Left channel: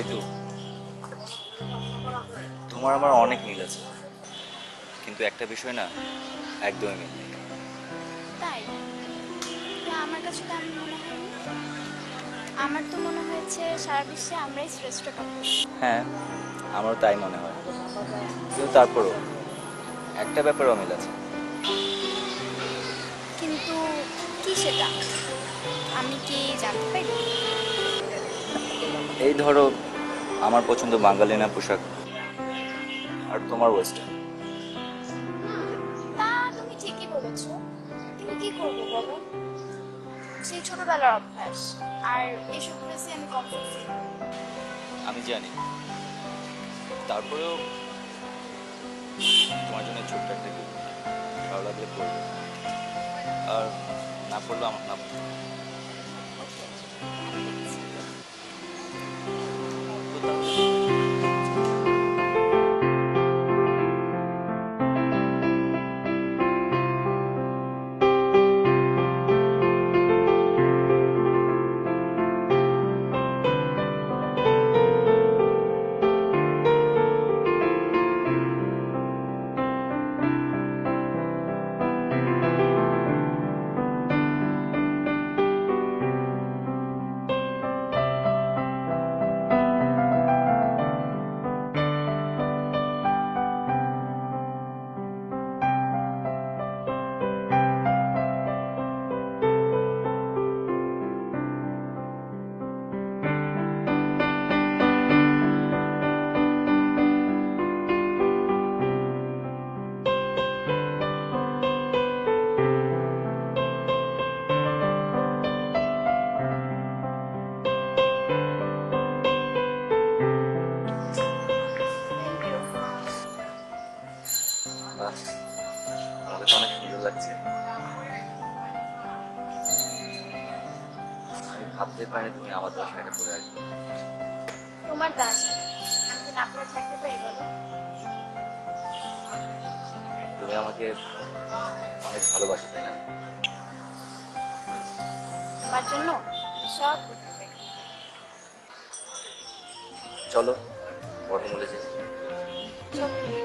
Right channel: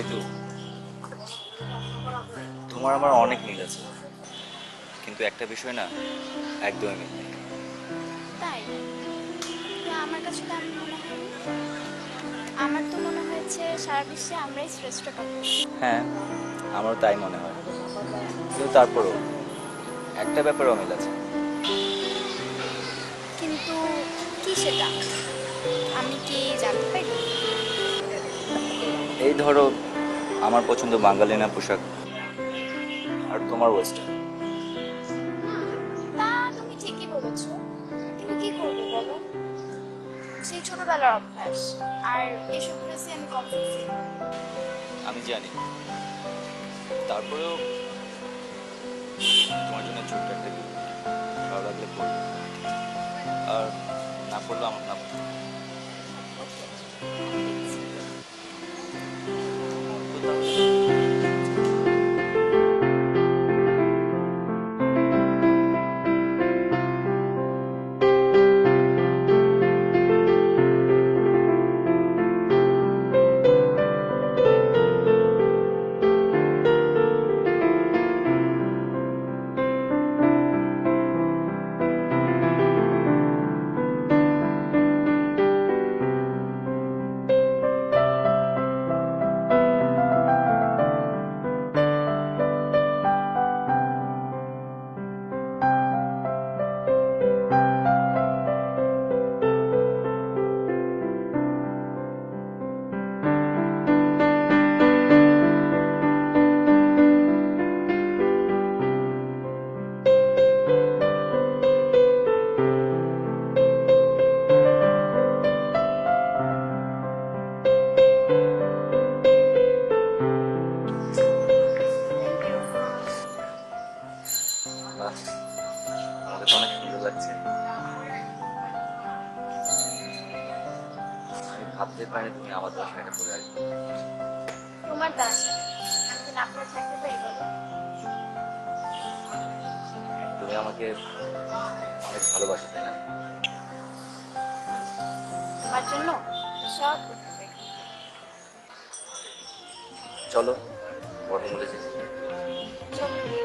ঋতু, তোমার আমার অনেক মিল আছে, কিন্তু একটা বিষয় না, একদমই মিল নেই। তাই? তো আমার কাছে তো এমন মনে হয়নি। আমার তো মনে হয়েছে সারা বিশ্বে আমরাই শ্রেষ্ঠ কাপড়। হ্যাঁ, আমারও তাই মনে হয়, কিন্তু তারপরও একটা ব্যাপারেও মিল আছে। কিন্তু কি সেটা? আমি কি জানতে পারি? এই ধরো, আমার পছন্দ বাঙালিনা পোশাক, আর তোমার ওয়েস্টার্ন। হুম, তা তুমি ঠিকই বলেছো। কিন্তু কি করবো বলো? সেই ছোটবেলার অভ্যাস। আর এসব ড্রেসে আমি কমফোর্ট ফিল করি। আমি জানি, তারপরেও তোমার জন্য ছোট্ট একটা গিফট, ভালো লাগলে পড়বে, আর না পড়লেও আমার না পড়বে। ওকে, আমি দেখছি। তো তাহলে থ্যাংক ইউ। বাহ, আমাকে তো অনেক সুন্দর লাগছে। আমি ভাবতে পারিনি তুমি আমার জন্য শাড়িটা পরে আসবে। তোমার দান, আমি কি না করে থাকতে পারি বলো? তুমি আমাকে অনেক ভালোবাসো, তাই না? তোমার জন্য সব করতে পারি। চলো, বড় বলে যে চলো।